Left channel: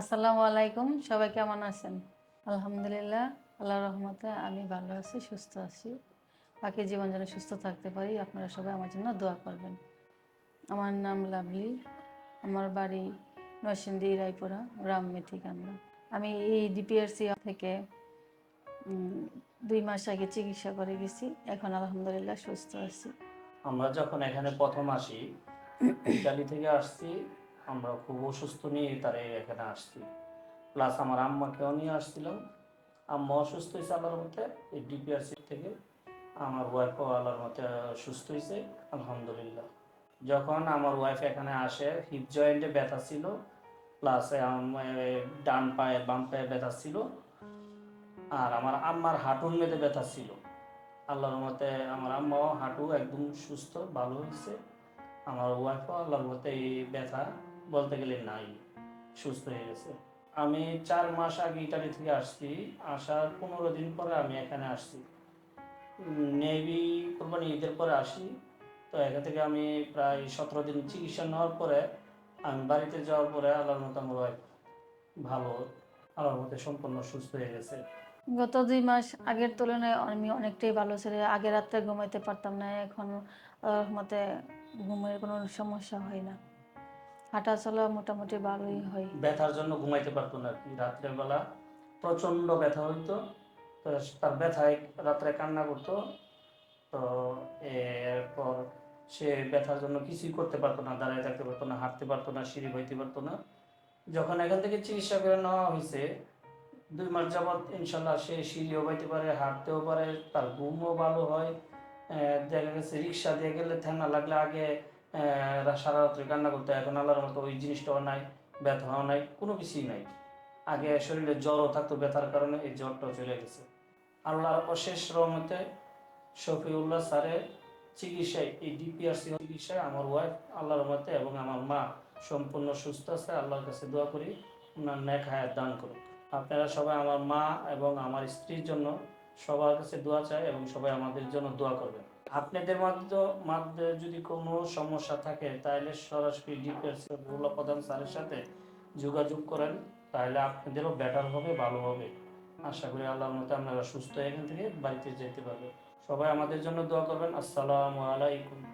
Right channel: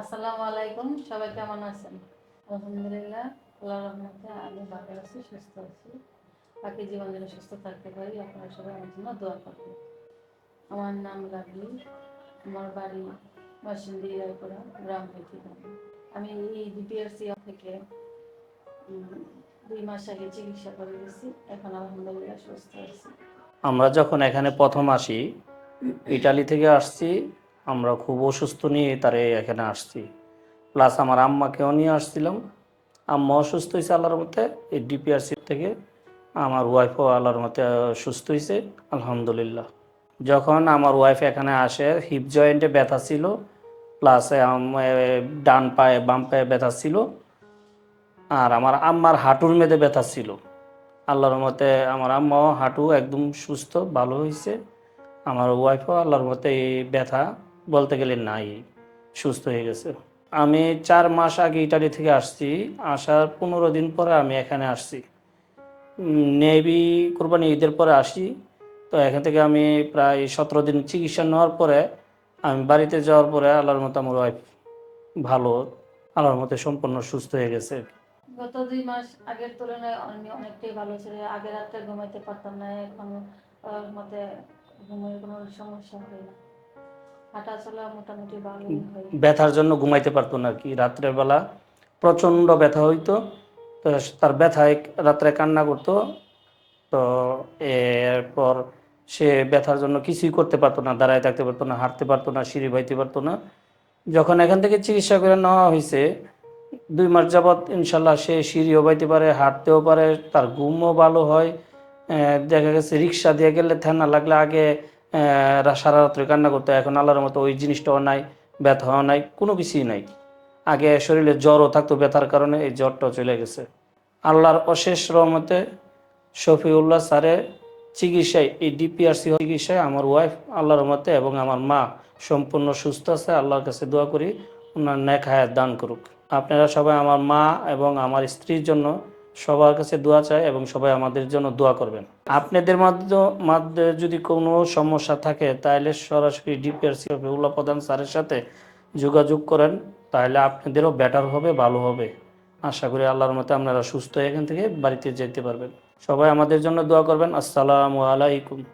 আসসালামু আলাইকুম, সবাই কেমন আছেন? আলহামদুলিল্লাহ আল্লাহ রহমতে আমি ভালো আছি, সুস্থ আছি। বাকি জীবন যেন সুস্থ থাকতে পারি, আপনারা সবাই আমার জন্য দোয়া করবেন। আমার নাম লাভলি, আমার বাড়ি নরসিংদী, রায়পুরা, গ্রাম ঠিকানা আমি এই ডিপিআরসি থেকে দুই মাস আগে চিকিৎসা করে গেছি, এখন আলহামদুলিল্লাহ সুস্থ আছি। আমরা যখন এখানে প্রথম আসি, ইটালি থেকে আসছি আমরা খুব অসুস্থ নিয়ে তারে এখানে আসছি। প্লাস আমার আম্মাকেও নিয়ে আসছিলাম। আম্মা অসুস্থ হয়েছে আল্লাহর মতে, এই ডিপিআরসি থেকে আমার ওয়াইফও আল্লাহর মতে সুস্থ হয়েছে, আলহামদুলিল্লাহ। যখন আমার ওয়াইফ এখানে আসে হিপ জয়েন্টে ব্যথা ছিল প্লাস ডান পায়ে, বাম পায়ে ব্যথা ছিল, আর আমার আম্মার হাঁটুর মেয়েদের ব্যথা ছিল। আল্লাহর মতে আমার আম্মাও হাঁটু একদম সুস্থ, ভালো হয়েছে। আমার ওয়াইফও আল্লাহর মতে এই ব্যথা বলতে গেলে নাই, সুস্থ হয়ে গেছে। আমি চার মাস আগে ইটালি থেকে আসছি, আসার পনেরো দিন পরে আমি এখানে আসছি। নেভি কোরবানি ঈদের পরে আসি, তো এখান থেকে আমি প্রায় সতেরো দিন চিকিৎসা নেওয়ার পরে আমি বাড়িতে যাওয়ার পরে আল্লাহর মতো আমার ওয়াইফ ভালো, আল্লাহর মতে সম্পূর্ণ সুস্থ হয়ে গেছে। গত দুই মাস আগের তুলনায় আমি অনেকটাই ভালো ছিল আগে রাত্রে ঘুমাইতে পারতাম না, এখন মতে ঘুমের কোনো সমস্যা হয় না। হাঁটা চলা মোটামুটি ভালোই হয়। ব্যথার জন্য ঘুমাইতে পারতো না কি। রাত্রের বেলা প্রচণ্ড ব্যথা হইতো। তার ব্যথায় রাত্রে কান্না করতো। তো এরপর সে ব্যথার জন্য কিছুই করতে পারতো না, দাঁড়ায় থাকতে পারতো না, হাঁটতে পারতো না, সিঁড়ি বাইতে পারতো না। যখন এখান থেকে চিকিৎসা করে নেওয়া হয়েছে দুই মাস যাবৎ ইনশাল্লাহ সে সিঁড়িও বাইতে পারে, হাঁটতেও পারে, তার ঘুমও ভালো হয়। দেখা গেছে রিক্সা দিয়ে গেলে ঠেনা লাগলে আগে সারা রাত্রে কান্না করতো। এখন আল্লাহর মতো ওই জিনিসটাও নাই, ব্যথাও নাই, কোনো কিছুই নাই। আগে শরীরে জ্বরও থাকতো ব্যথার কারণে, এই জ্বরটাও চলে গেছে। আল্লাহর অশেষ রহমতে শফিউল্লাহ স্যারের চিকিৎসায়, এই ডিপিআরসি চিকিৎসায় আমার ওয়াইফ আল্লাহর রহমতে এবং আমার মা সম্পূর্ণ সুস্থ আছে। আল্লাহর কাছে দোয়া করি, ওনার ন্যাক হায়াত দান করুক। আপনারা সবাই আমার মা এবং আমার স্ত্রীর জন্য সবার কাছে দোয়া চায় এবং সবাই আমাদের জন্য দোয়া করবেন। আপনাদের মাধ্য- মাধ্যমে যদি কোনো সমস্যা থাকে, তাহলে সরাসরি ডিপিআরসি উল্লাহ প্রধান স্যারের সাথে যোগাযোগ করেন, তাহলে আপনাদেরও বেটার হবে, ভালো হবে। আশা করি আল্লাহর মতে আপনারা সুস্থ এখান থেকে বাড়িতে যেতে পারবেন। সবাই আমাদের জন্য দোয়া করবেন। আসসালামু আলাইকুম।